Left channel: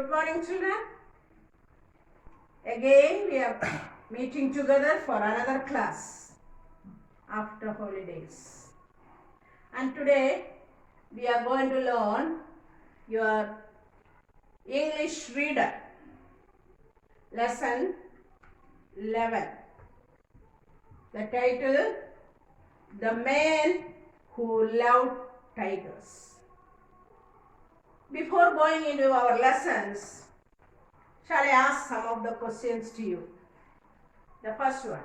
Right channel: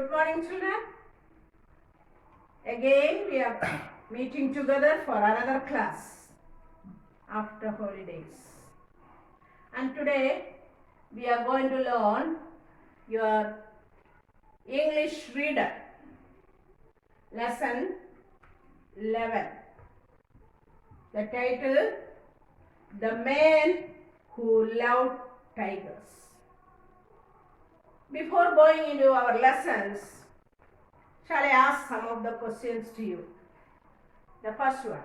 Good morning, children. Again, we are meeting together for another class after holidays. And today, we are going to learn your English reader, lesson 11. The title, The Man Who Loved Tigers. Before going into our lessons, shall I ask some of the questions to you? The first one.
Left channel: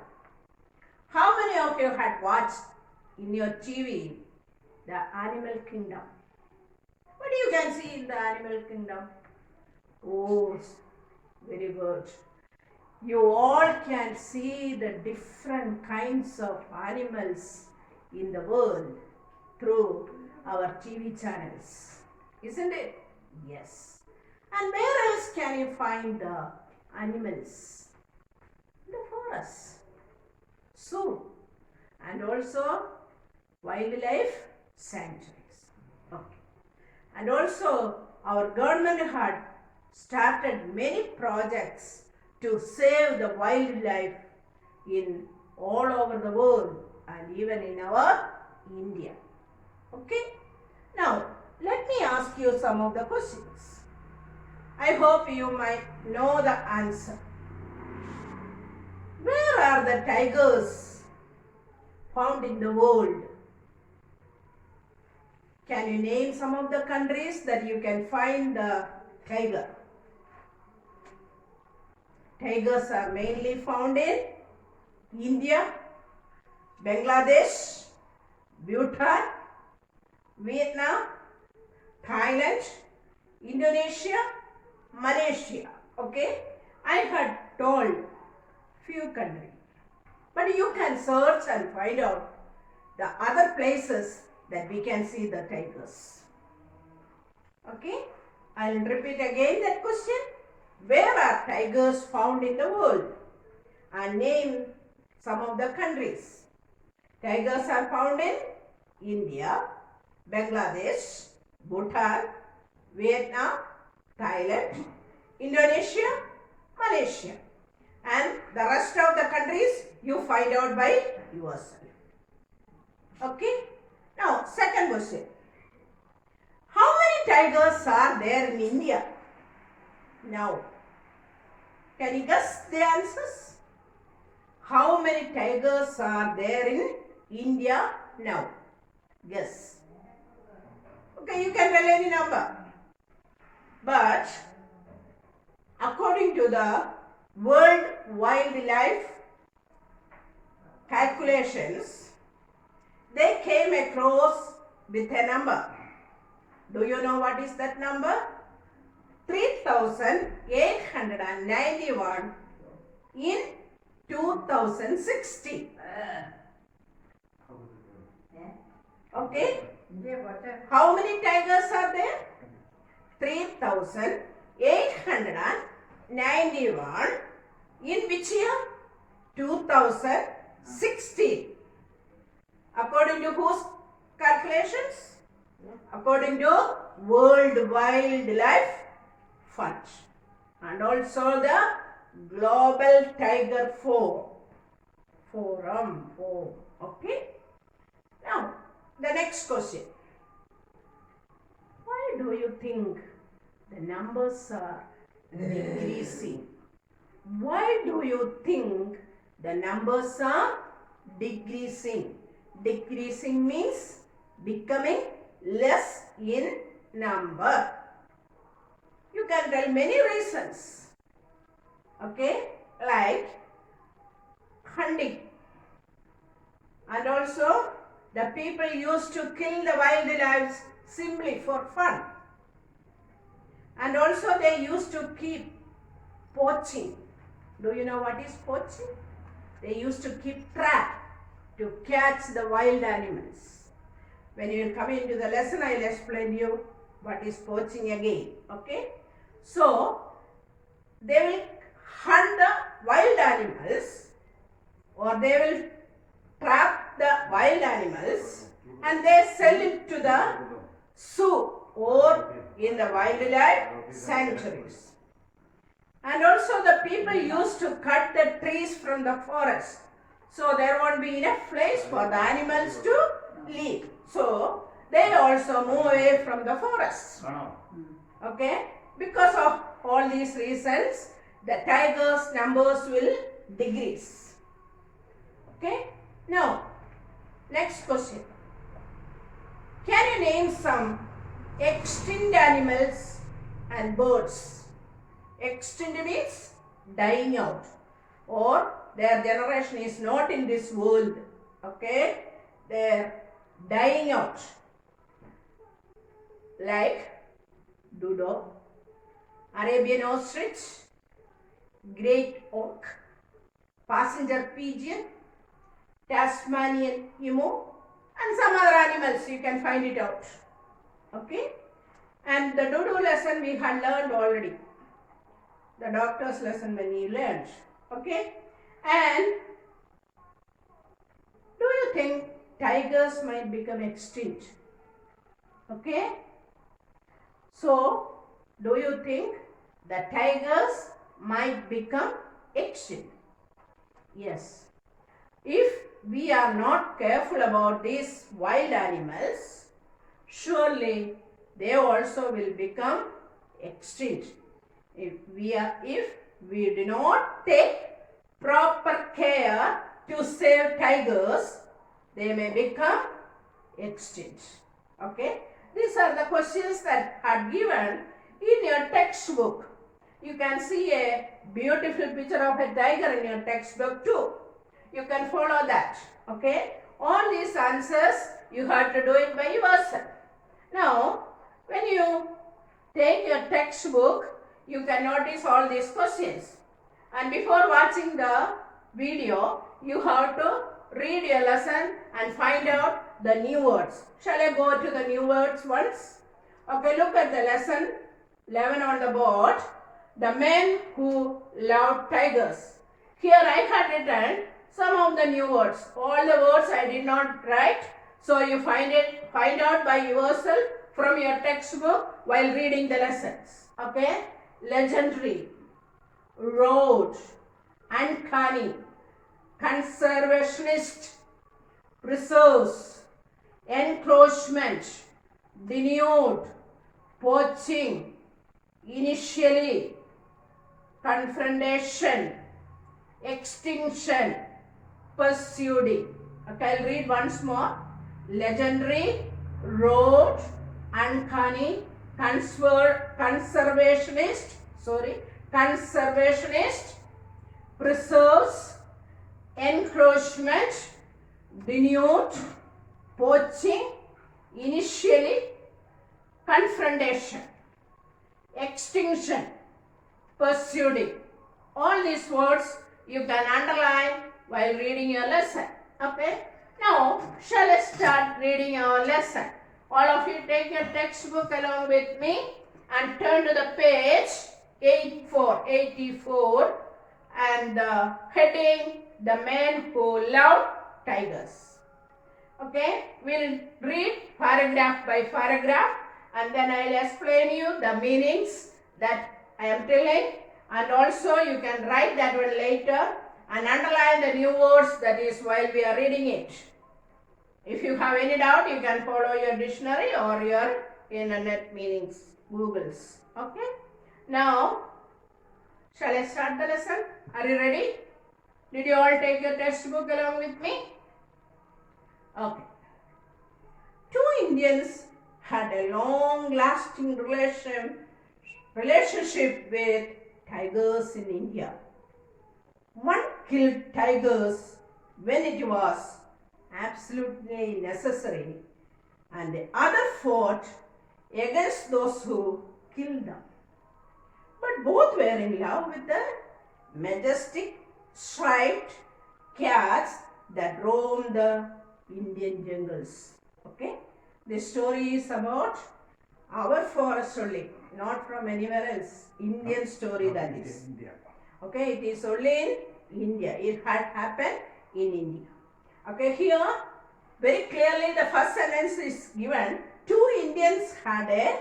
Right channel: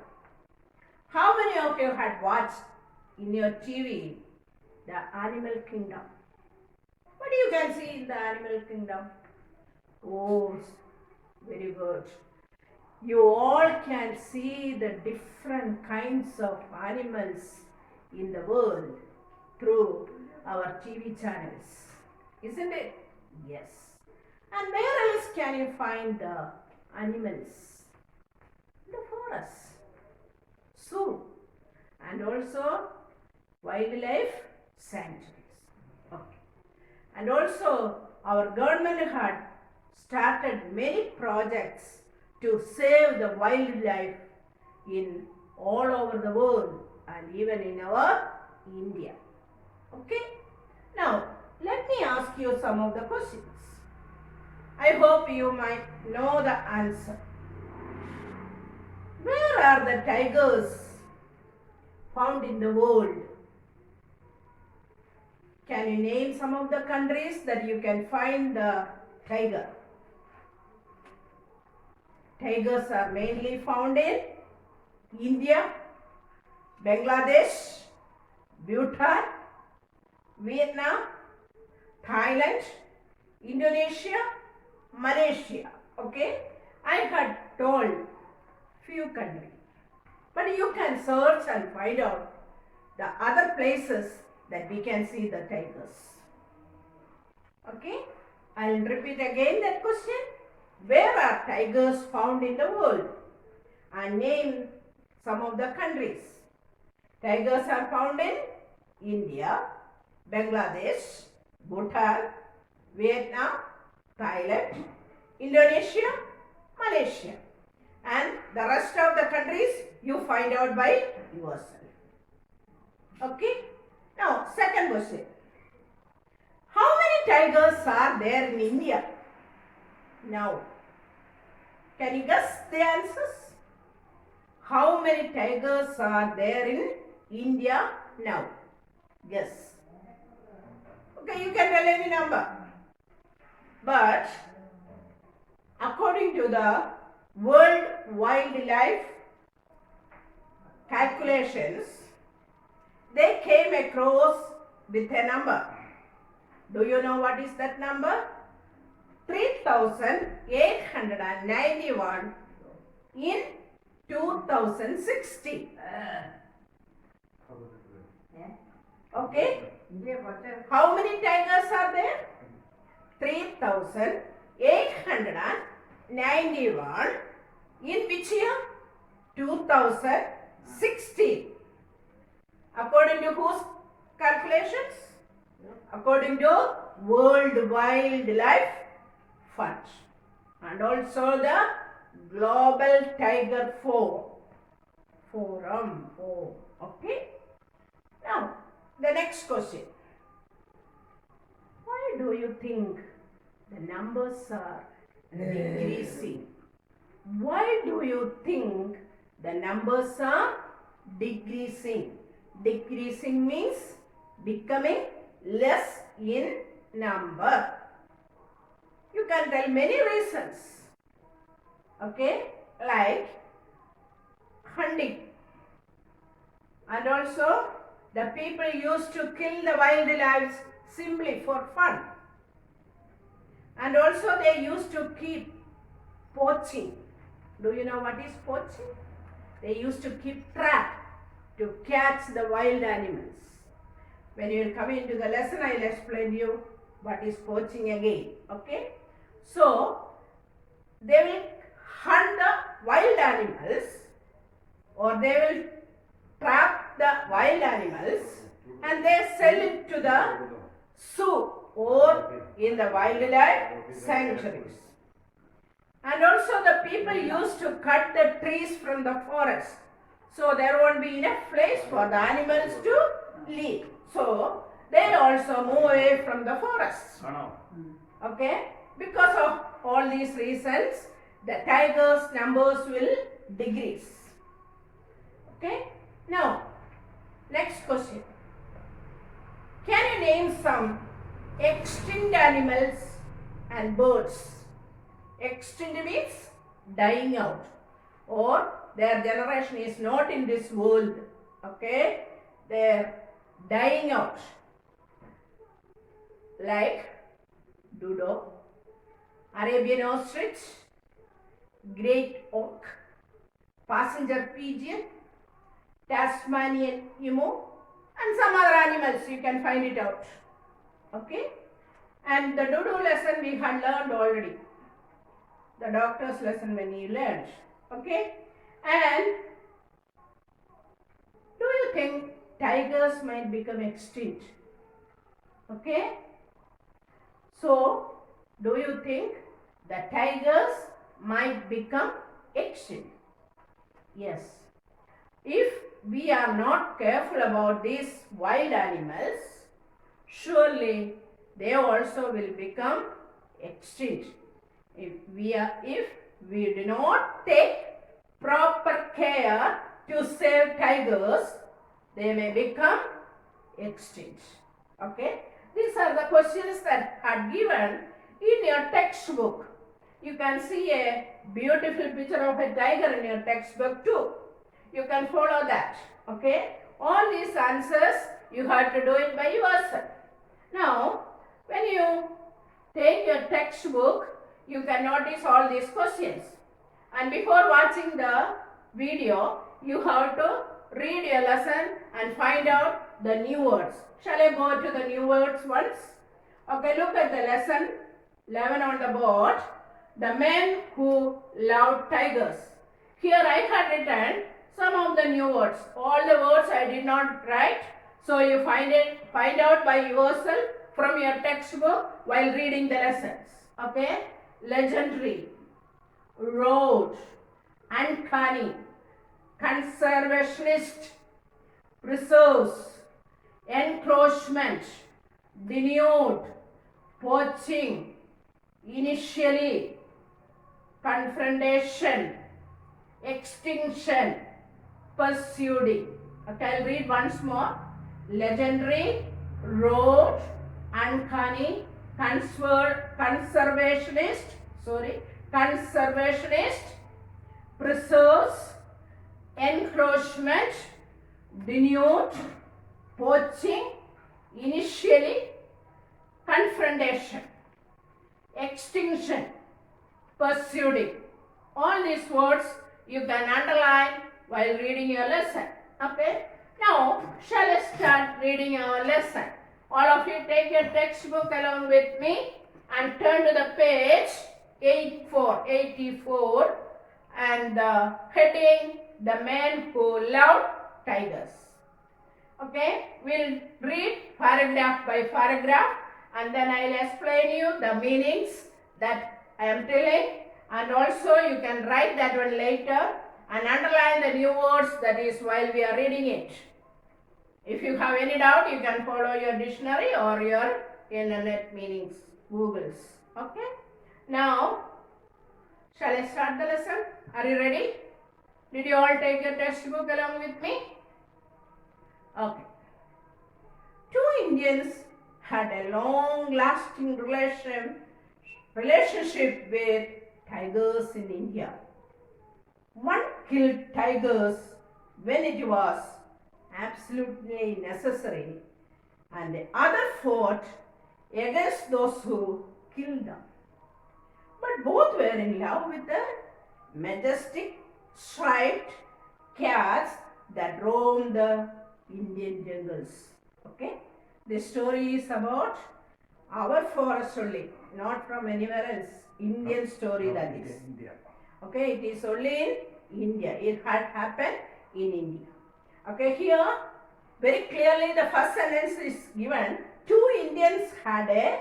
How many of you had watched in your TV the Animal Kingdom? What you can see in the Animal Kingdom? Oh, very good. You all can see the different kinds of animals in the world through our TV channels. Isn't it? Yes. And where else can you find the animals? In the forest, zoo, and also wildlife sanctuaries. Okay. And also our government had started many projects to save the wildlife in all over the world and even in our India. Okay. Now, let me ask you some of the questions. I hope you might know the answer. Where are the tigers found in the world? Can you name some of the countries that you can find the tiger? Tigers are mainly found in India, Bangladesh, Bhutan, Vietnam, Thailand, Indonesia, Malaysia. Okay, I had told few countries, but you can search and find out the other places that we can see the tigers. Okay, I'll repeat again that question. Where are tigers found in the world? And name some of the countries. Tigers are found in India, Bangladesh, Bhutan, Vietnam, Thailand, Indonesia, Malaysia. And the rest of the countries you find out by yourself. Okay? Now, second question. How many tigers are there in India? Now, can you guess the answers? How many tigers are there in India now? Guess. Okay, you can tell any number. But according to the World Wildlife calculations, they came across with a number. Do you know what is that number? 3,891 in 2016. Okay? How many tigers are there? 3,891 in which year? 2016. According to whose calculations? According to World Wildlife Fund and also the Global Tiger Forum. Okay? Now, the next question. Why do you think the numbers are decreasing? Why do you think the numbers are decreasing? Decreasing means becoming less in number. You can tell many reasons. Okay? Like hunting. And also the people used to kill the wildlife simply for fun. And also they used to keep poaching. Do you know what is poaching? They used to keep trap to catch the wild animals. When you will come into the lesson, I will explain you what is poaching again. Okay? So, they will hunt the wild animals or they will trap the wild animals and they sell it to the zoo or in the wildlife sanctuaries. And also the people used to cut the trees from the forest. So there won't be enough place for the animals to live. So they also move away from the forest. Okay? Because of all these reasons, the tigers' numbers will decrease. Okay? Now, next question. Can you name some extinct animals and birds? Extinct means dying out, or their generation is not in this world. Okay? They're dying out. Like dodo, Arabian ostrich, great auk, passenger pigeon, Tasmanian emu, and some other animals. You can find it out. Okay? And the dodo lesson we had learned already. The doctor's lesson when you learned. Okay? And do you think tigers might become extinct? Okay? So, do you think the tigers might become extinct? Yes. If we are not careful about these wild animals, surely they also will become extinct. If we do not take proper care to save tigers, they may become extinct. Okay? These are the questions that are given in your textbook. You can see a beautiful picture of a tiger in your textbook too. You can follow that. Okay? All these answers you have to do it by yourself. Now, when you take your textbook, you can notice all these questions. And before watching the video, you have to read your lesson and find out the new words. Shall I go to the new words once? Okay, look at the lesson 11 on the board. The men who loved tigers. Here I had written some of the new words. All the words I did not write. So you find out by yourself from your textbook while reading the lessons. Okay? Legendary, road, uncanny, conservationist, preserves, encroachment, denuded, poaching, initially, confrontation, extinction, pursuing. Okay, I'll read once more. Legendary, road, uncanny, conservationist, preserves, encroachment, denuded, poaching, initially, confrontation, extinction, pursuing. All these words you can underline while reading your lesson. Okay? Now, shall I start reading our lesson? All of you take your textbook along with me and turn to the page 84 and the heading, The Men Who Love Tigers. Okay, we'll read paragraph by paragraph and then I'll explain you the meanings that I am telling, and also you can write that one later and underline the new words, that is while we are reading it. If you have any doubt, you can follow your dictionary or your internet meanings, Googles. Okay? Now, shall I start the lesson? Are you ready? Did you all take your textbook along with me? Okay. Two Indians had a long-lasting relationship with tigers in India. One killed tigers when it was absolutely necessary, and the other fought against those who killed them. But both were in love with the majestic striped cats that roam the Indian jungles. Okay? This story is about our forest only, not from anywhere else. Indian story that is. India. Okay, it is only in India. It had happened in India. Okay, here very clearly the first sentence is given. Two Indians had a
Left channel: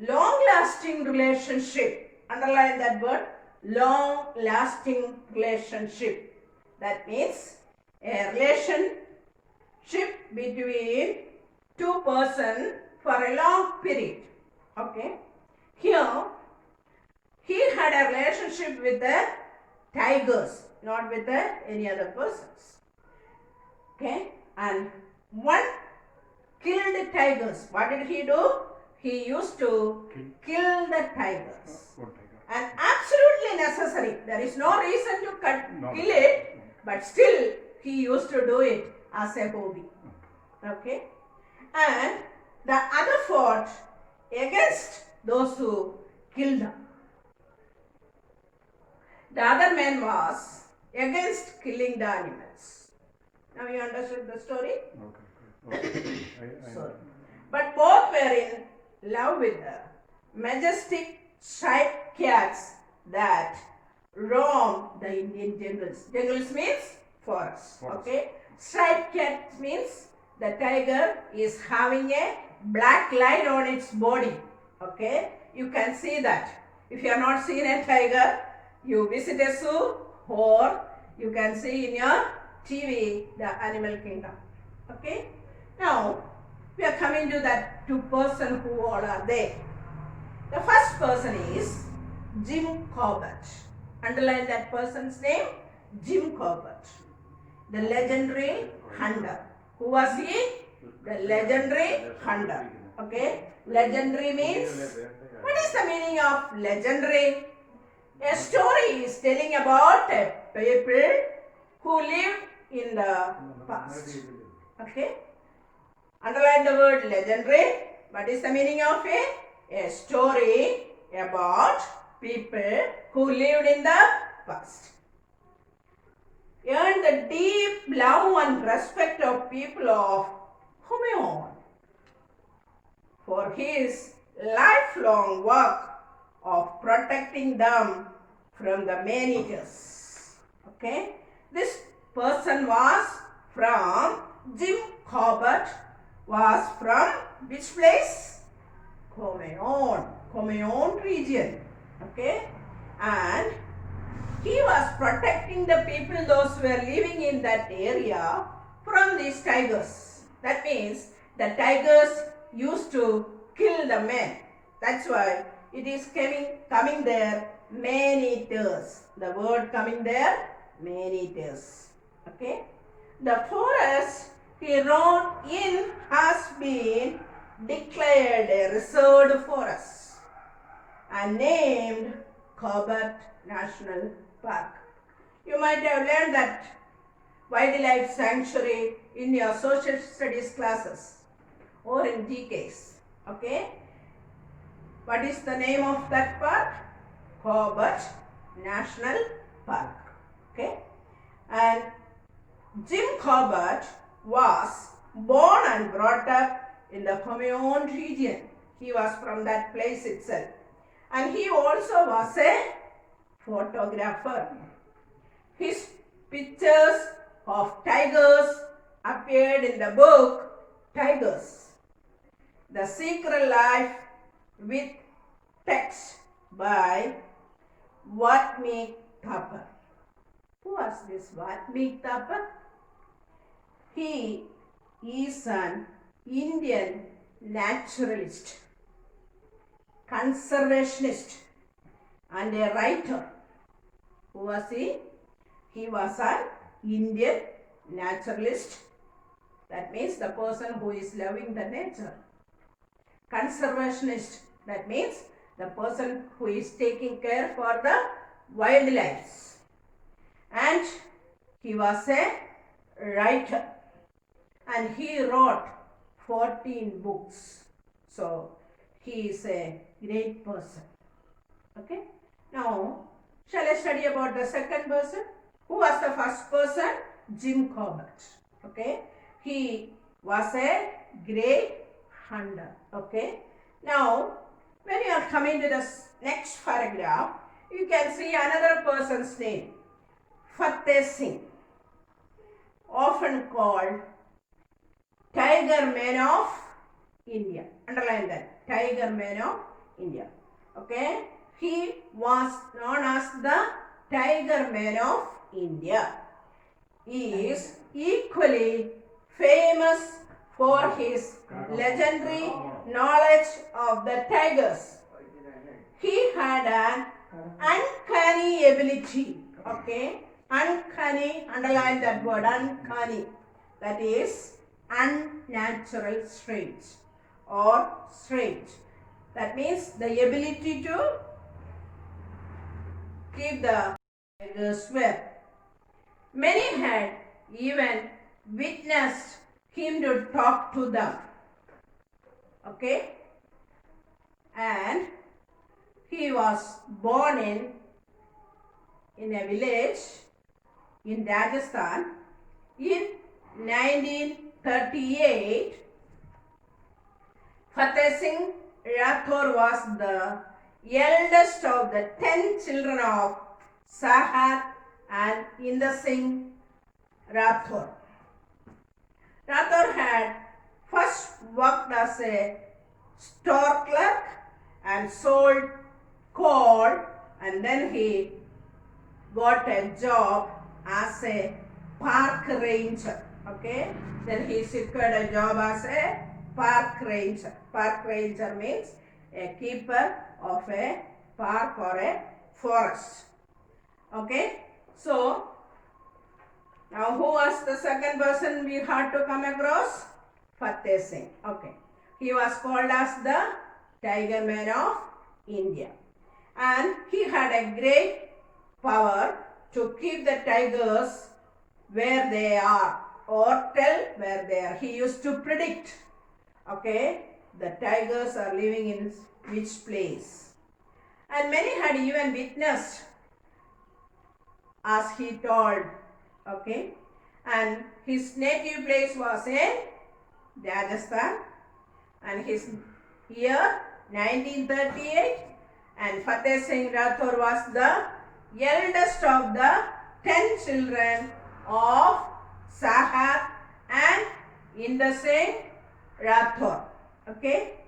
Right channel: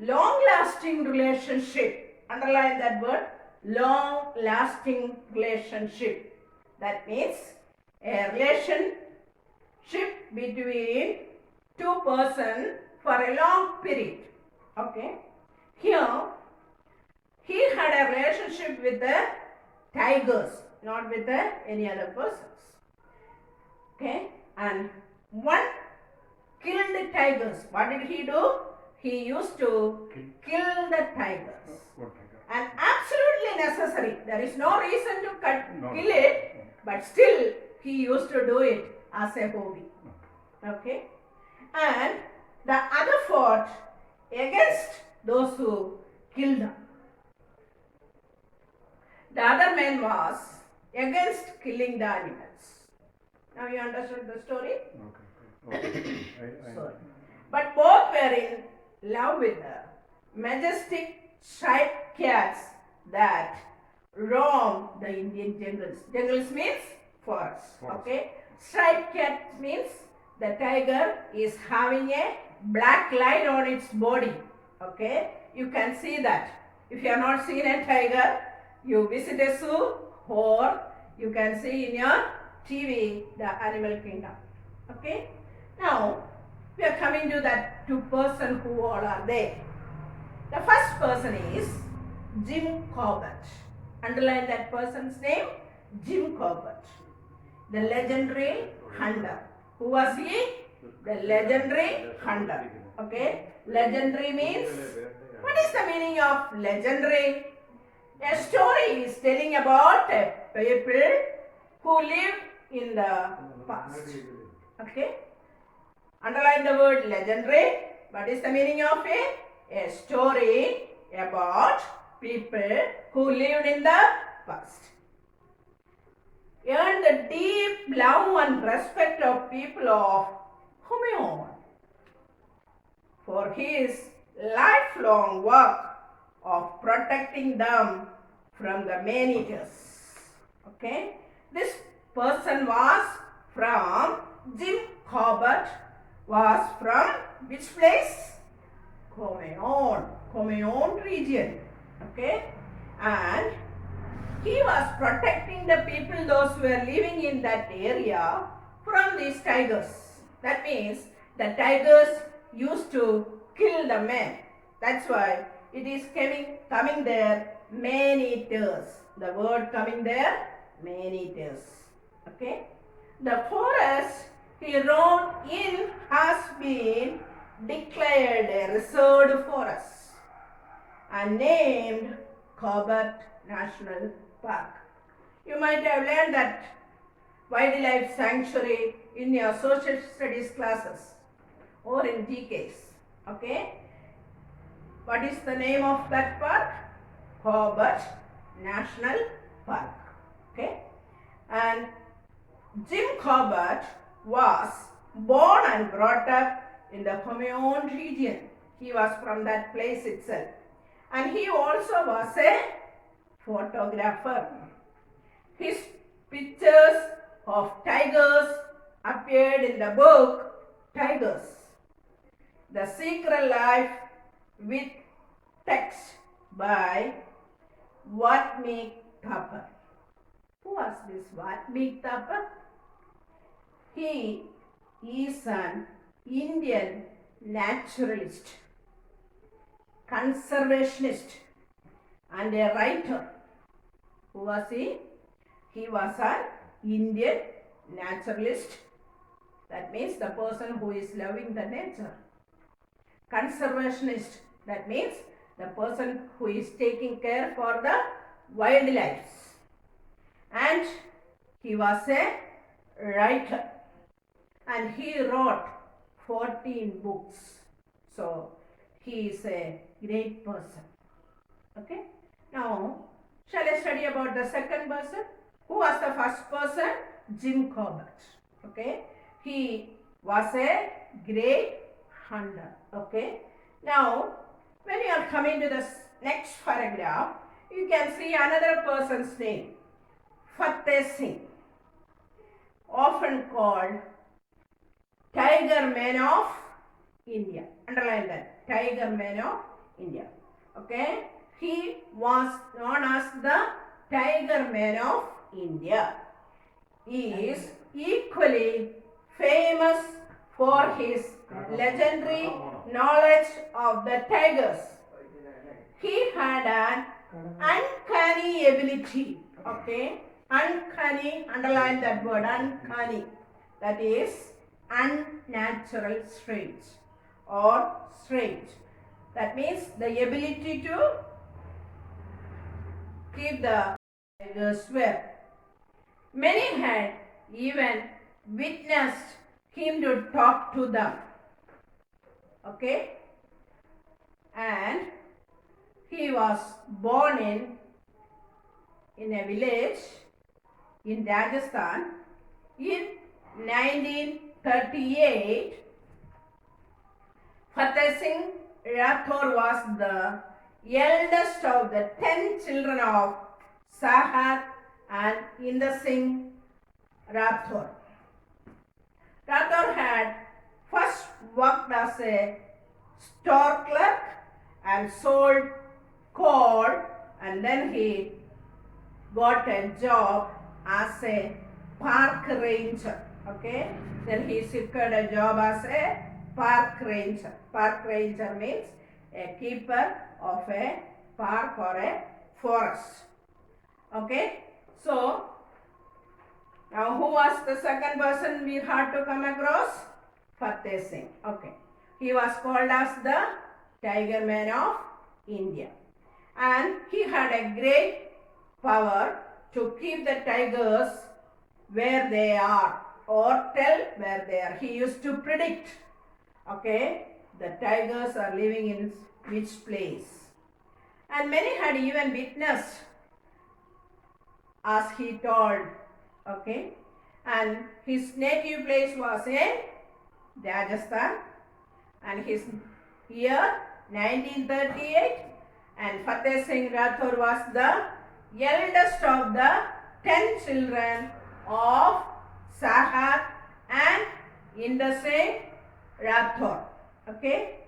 long-lasting relationship. Underline that word, long-lasting relationship. That means a relationship between two persons for a long period. Okay. Here, he had a relationship with the tigers, not with any other persons. Okay. And one killed tigers. What did he do? He used to kill the tigers. And absolutely necessary. There is no reason to kill it, but still he used to do it as a hobby. Okay. And the other fought against those who killed them. The other man was against killing the animals. Now you understood the story? Okay. Sorry. But both were in love with the majestic striped cats that roam the Indian jungles. Jungles means forest. Okay. Striped cat means the tiger is having a black line on its body. Okay. You can see that. If you have not seen a tiger, you visit a zoo or you can see in your TV the animal kingdom. Okay. Now we are coming to that two person who all are there. The first person is Jim Corbett. Underline that person's name, Jim Corbett. The legendary hunter. Who was he? The legendary hunter. Okay. Legendary means, what is the meaning of legendary? A story is telling about a people who lived in the past. Okay. Underline the word legendary. What is the meaning of it? A story about people who lived in the past. Earned the deep love and respect of people of Humeon for his lifelong work of protecting them from the man-eaters. Okay. This person was from Jim Corbett was from which place? Comeon region. Okay. And he was protecting the people, those who were living in that area, from these tigers. That means the tigers used to kill the men. That's why it is coming there, man-eaters. The word coming there, man-eaters. Okay. The forest he roamed in has been declared a reserved forest and named Corbett National Park. You might have learned that wildlife sanctuary in your social studies classes or in GKs. Okay. What is the name of that park? Corbett National Park. Okay. And Jim Corbett was born and brought up in the Humeon region. He was from that place itself. And he also was a photographer. His pictures of tigers appeared in the book Tigers, The Secret Life with Text by Watmeek Thapar. Who was this Watmeek Thapar? He is an Indian naturalist, conservationist and a writer. Who was he? He was an Indian naturalist. That means the person who is loving the nature. Conservationist. That means the person who is taking care for the wildlife. And he was a writer. And he wrote 14 books. So he is a great person. Okay. Now, shall I study about the second person? Who was the first person? Jim Corbett. Okay. He was a great hunter. Okay. Now, when you are coming to the next paragraph, you can see another person's name. Fateh Singh, often called Tiger Man of India. Underline that. Tiger Man of India. Okay, he was known as the Tiger Man of India. He is equally famous for his legendary knowledge of the tigers. He had an uncanny ability. Okay, uncanny, underline that word, uncanny. That is unnatural, strange or strange. That means the ability to keep the tigers well. Many had even witnessed him to talk to them. Okay, and he was born in a village in Rajasthan in 1938. Fateh Singh Rathore was the eldest of the 10 children of Sahat and Inder Singh Rathore. Rathore had first worked as a store clerk and sold coal, and then he got a job as a park ranger. Okay, then he secured a job as a park ranger. Park ranger means a keeper of a park or a forest. Okay, so now who was the second person we had to come across? Fateh Singh. Okay, he was called as the Tiger Man of India, and he had a great power to keep the tigers where they are or tell where they are. He used to predict, okay, the tigers are living in which place. And many had even witnessed as he told, okay, and his native place was in Rajasthan, and his year 1938, and Fateh Singh Rathore was the eldest of the 10 children of Sahat and Inder Singh Rathore. Okay,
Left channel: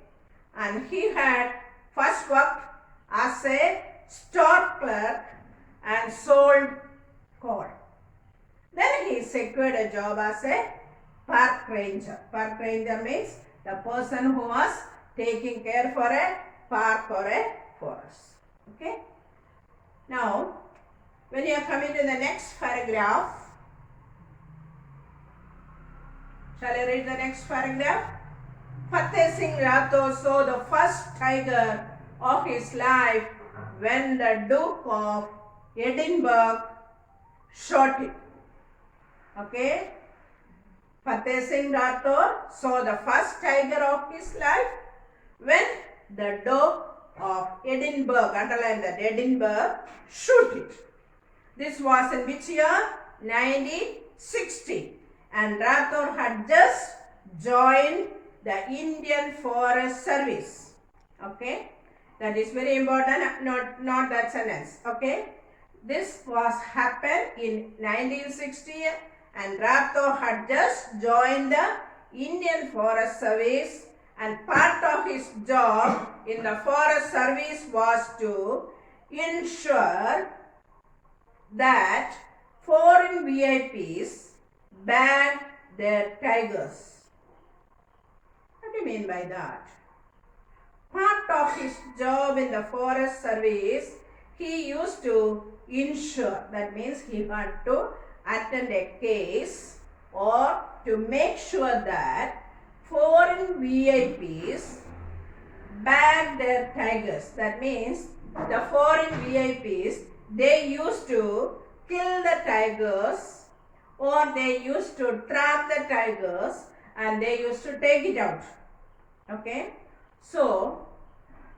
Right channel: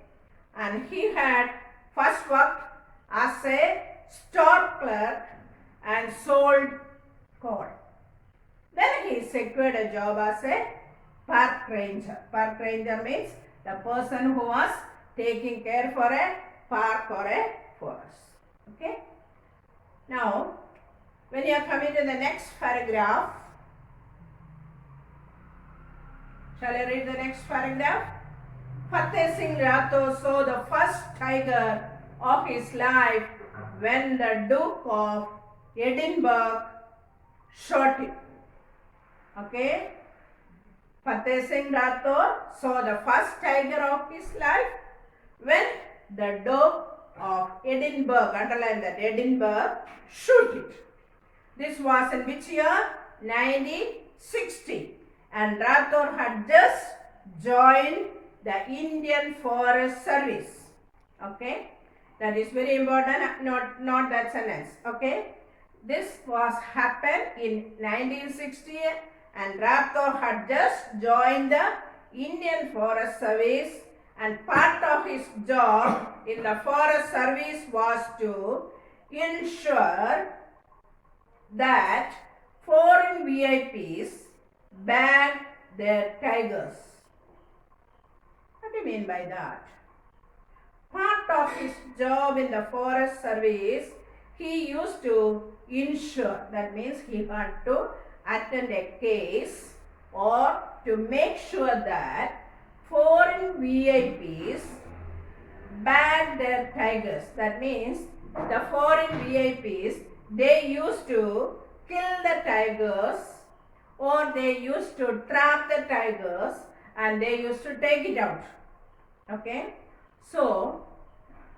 and he had first worked as a store clerk and sold coal. Then he secured a job as a park ranger. Park ranger means the person who was taking care for a park or a forest. Okay. Now, when you are coming to the next paragraph, shall I read the next paragraph? Fateh Singh Rathore saw the first tiger of his life when the Duke of Edinburgh shot him. Okay. Fateh Singh Rathore saw the first tiger of his life when the Duke of Edinburgh, underline that, Edinburgh, shoot it. This was in which year? 1960. And Rathore had just joined the Indian Forest Service. Okay, that is very important. Not that sentence. Okay, this was happened in 1960, and Rathore had just joined the Indian Forest Service, and part of his job in the Forest Service was to ensure that foreign VIPs bag their tigers. What do you mean by that? Part of his job in the Forest Service, he used to ensure, that means he had to attend a case or to make sure that foreign VIPs bag their tigers. That means the foreign VIPs, they used to kill the tigers or they used to trap the tigers and they used to take it out. Okay, so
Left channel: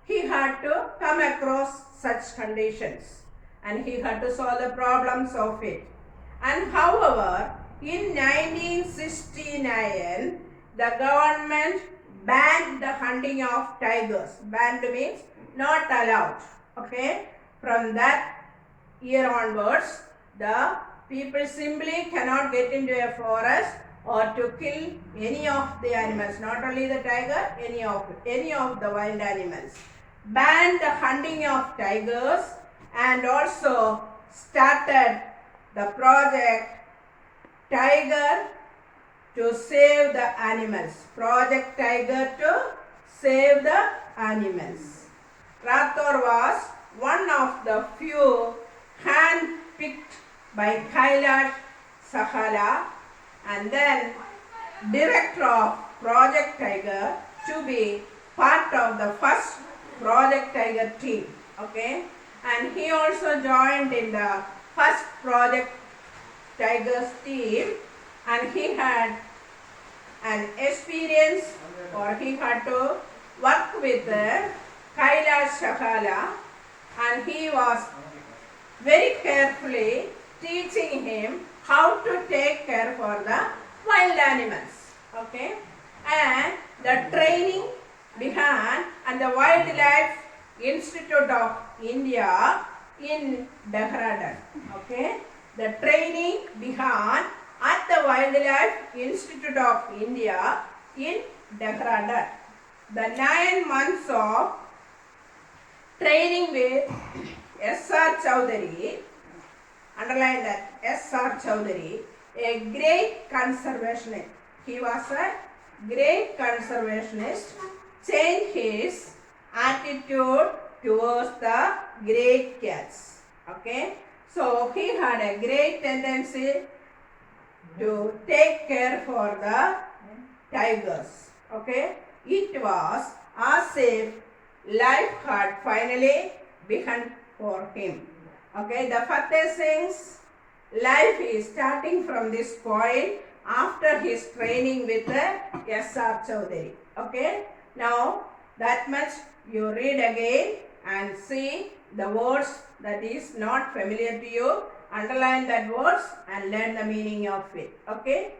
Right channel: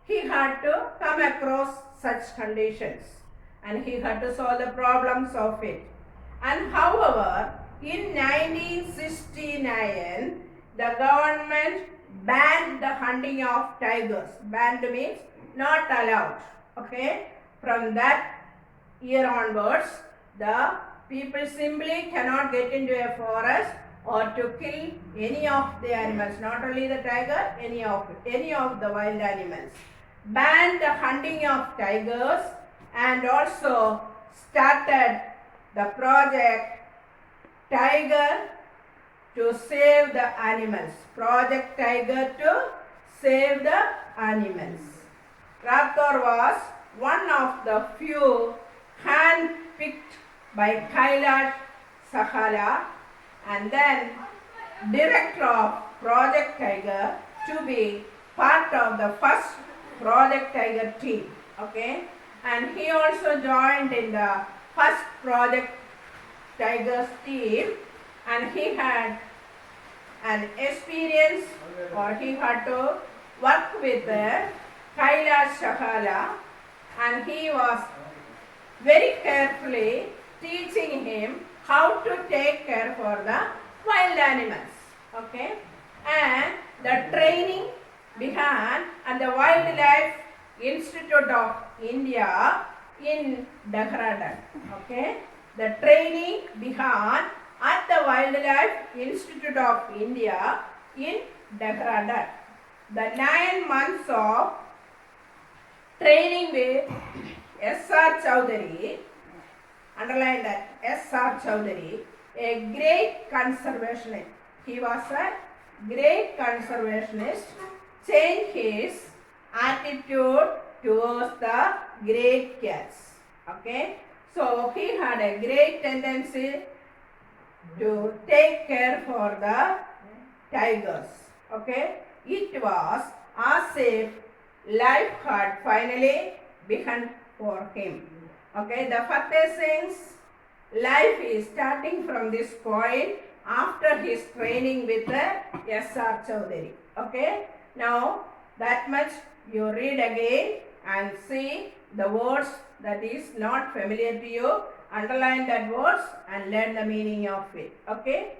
he had to come across such conditions and he had to solve the problems of it. And however, in 1969, the government banned the hunting of tigers. Banned means not allowed. Okay, from that year onwards, the people simply cannot get into a forest or to kill any of the animals, not only the tiger, any of the wild animals. banned the hunting of tigers and also started the project Tiger to save the animals. Project Tiger to save the animals. Rathore was one of the few hand-picked by Kailash Sahala and then director of Project Tiger to be part of the first Project Tiger team. Okay, and he also joined in the first Project Tiger's team, and he had an experience or he had to work with Kailash Sahala, and he was very carefully teaching him how to take care for the wild animals. Okay, and the training began at the Wildlife Institute of India in Dehradun. Okay, the training began at the Wildlife Institute of India in Dehradun. The 9 months of training with S.R. Chowdhury, underline that, S.R. Chowdhury, a great conservationist. He was a great conservationist, changed his attitude towards the great cats. Okay, so he had a great tendency to take care for the tigers. Okay, it was as if life had finally begun for him. Okay, the Fateh Singh's life is starting from this point after his training with the S.R. Chowdhury. Okay, now that much you read again and see the words that is not familiar to you. Underline that words and learn the meaning of it. Okay.